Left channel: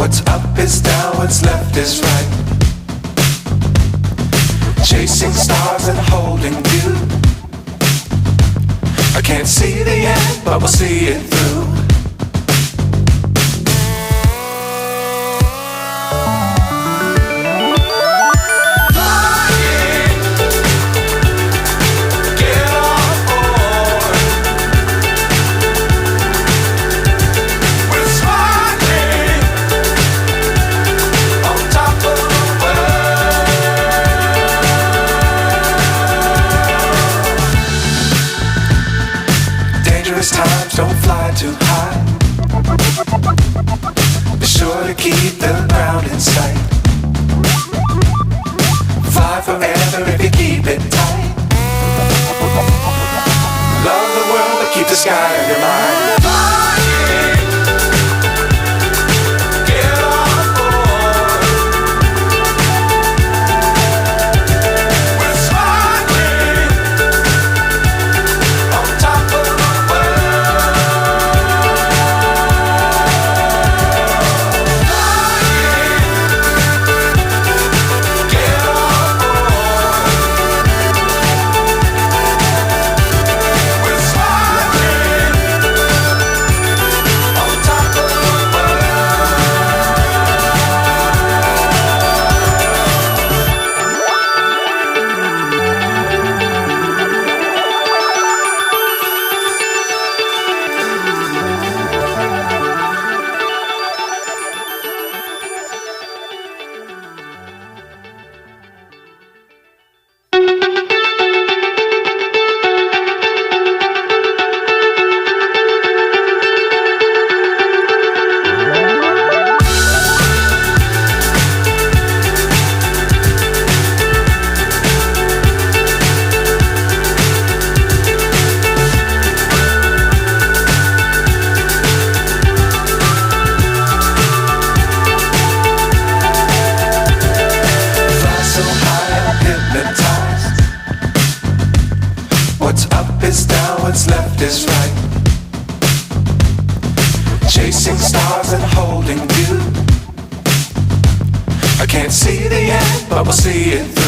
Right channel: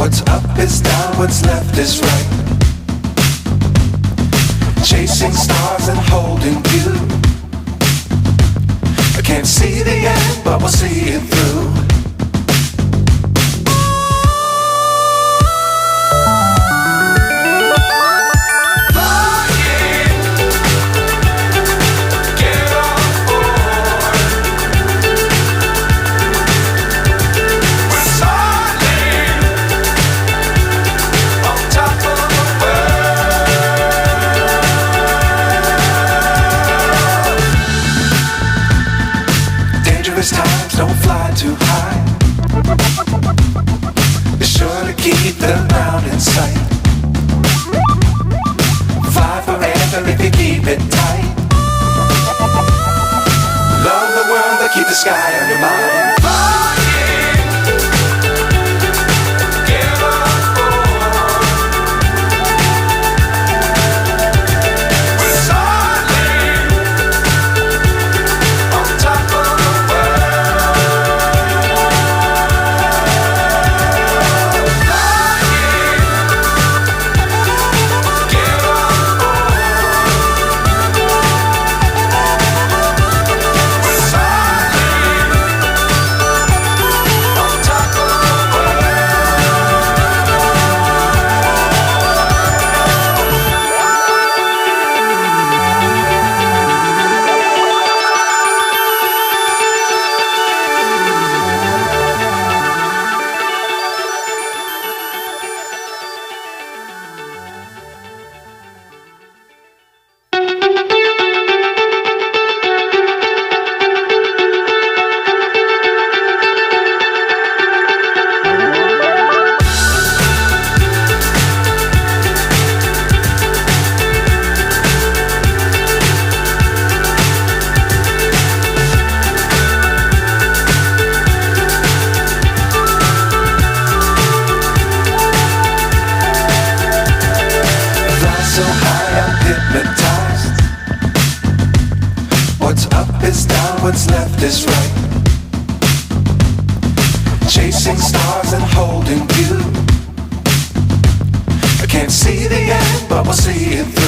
What's up is down, what's left is right. Chasing stars and holding you. I can't see the end, but we'll see it through. Times don't fly too high. Be sure to keep the ground in sight. Fly forever if you keep it tight. Love the world but keep the sky on your mind. So high I'm hypnotized. What's up is down, what's left is right. Chasing stars and holding you. I can't see the end, but we'll see it through.